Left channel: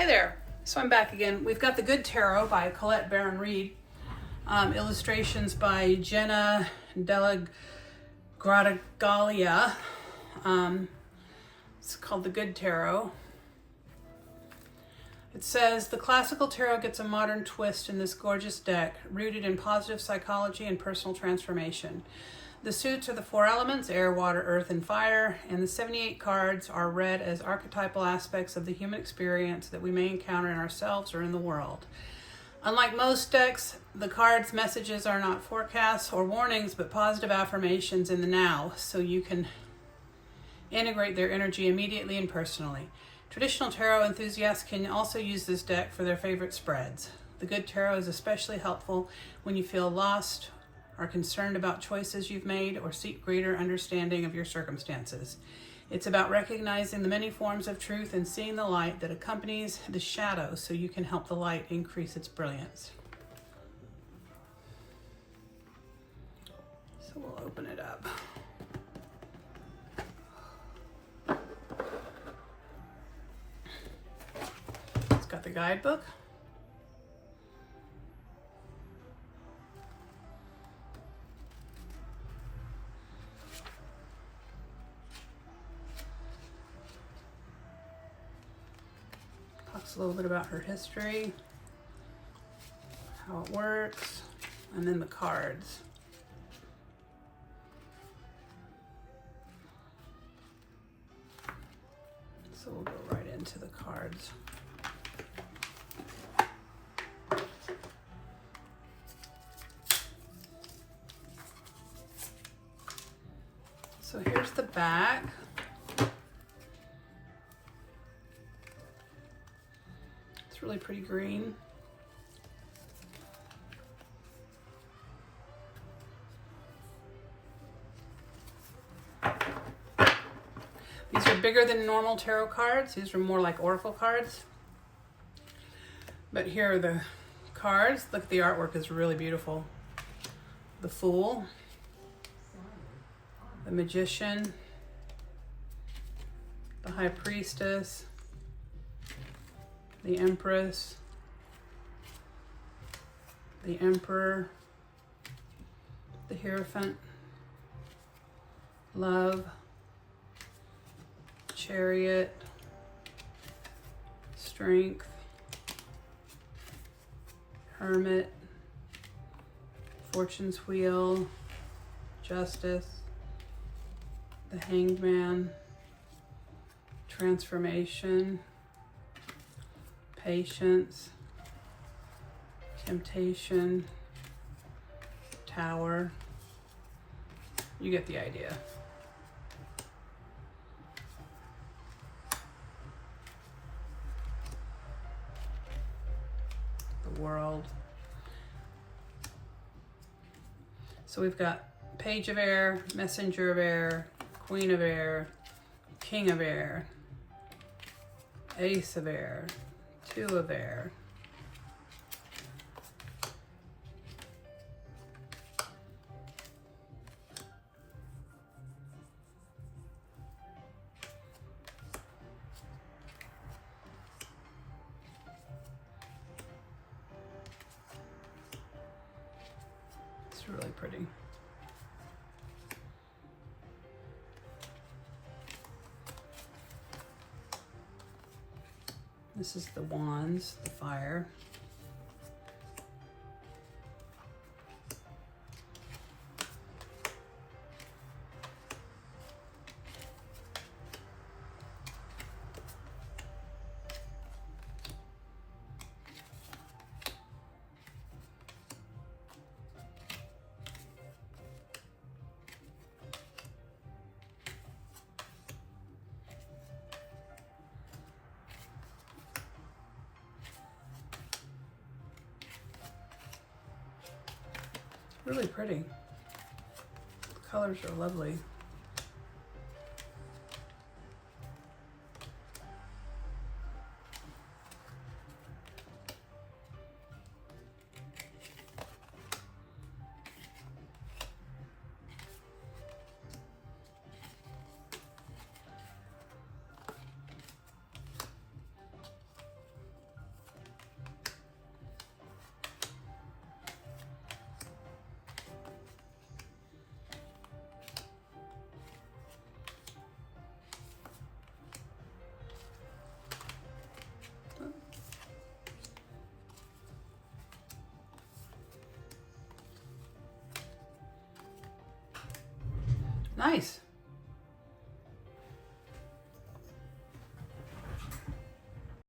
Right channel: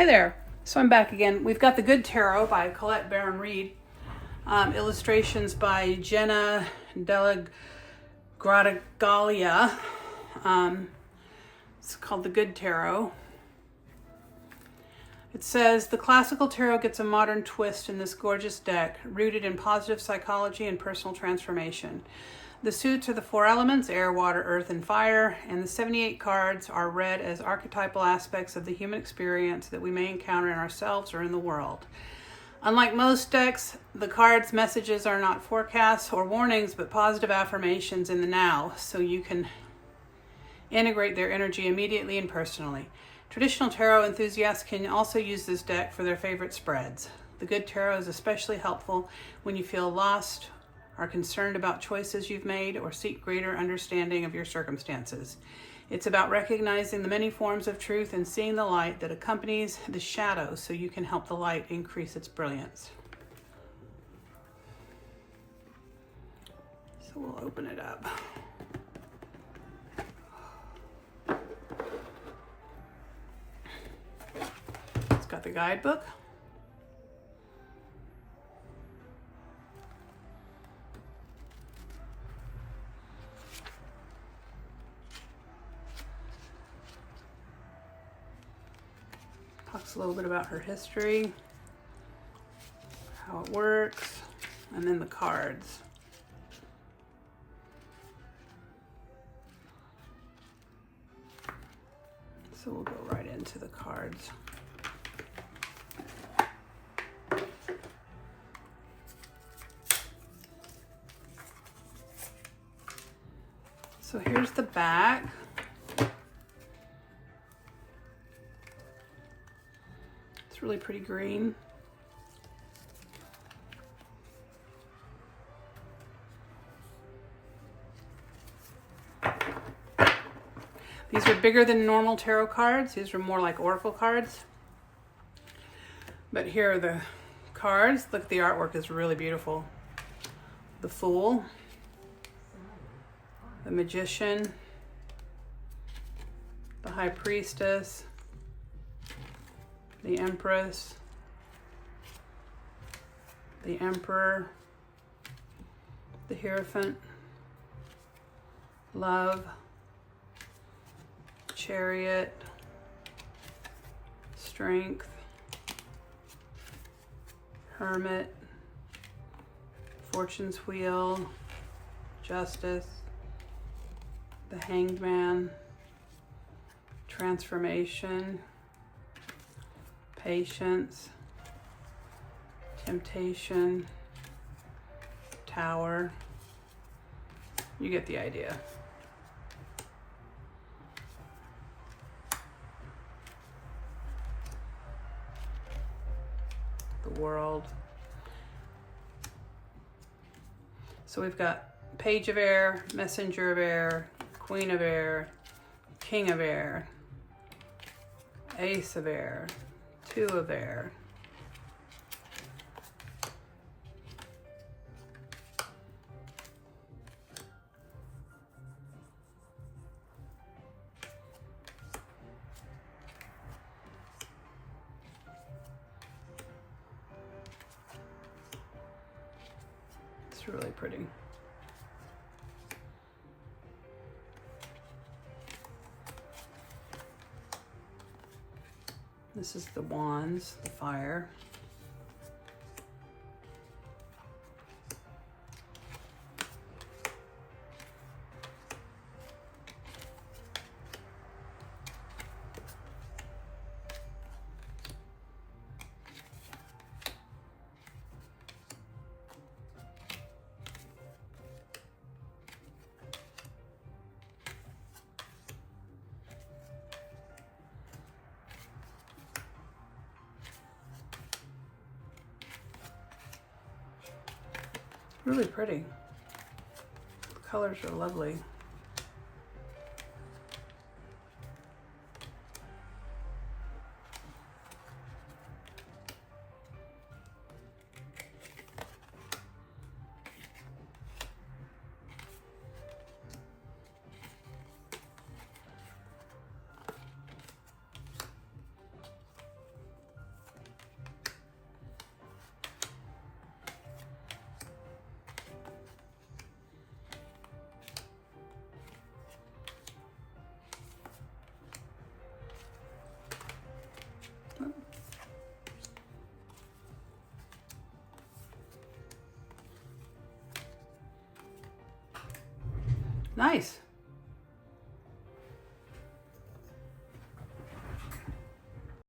Hi there. So I'm back again. We've got The Good Tarot by Collette Baron-Reid. Illustrations by Jenna Della Gradagalia. It's called The Good Tarot. It says, the classical tarot gets a modern twist in this gorgeous deck, rooted in positive psychology and personal transformation. The suits are the four elements, air, water, earth, and fire, and the 78 cards are read as archetypal aspects of the human experience that we may encounter in ourselves or in the world. Unlike most decks, the cards' messages are not forecasts or warnings, but positive affirmations in the now, so you can integrate their energy immediately and personally. Traditional tarot enthusiasts can also use this deck for their favorite spreads. The Good Tarot is especially helpful when you feel lost, are concerned about choices you've made, or seek greater understanding of your circumstances. It's about recognizing the many forms of truth and seeing the light that accompanies the shadow so you can help the light increase its brilliance. So we'll open it up. It's got the guidebook. Talks a little bit about her history, how it works, and then the cards. So we'll go right into the cards. So here's the back. It's really pretty green. These are bigger than normal tarot cards. These are more like oracle cards. But here are the cards. Look, the artwork is really beautiful. The Fool, the Magician, the High Priestess, the Empress, the Emperor, the Hierophant, Love, Chariot, Strength, Hermit, Fortune's Wheel, Justice, the Hanged Man, Transformation, Patience, Temptation, Tower. You get the idea. The World. So we've got Page of Air, Messenger of Air, Queen of Air, King of Air, Ace of Air, Two of Air, it's really pretty. This is the Wands, the Fire. Really pretty. The colors are lovely. Nice.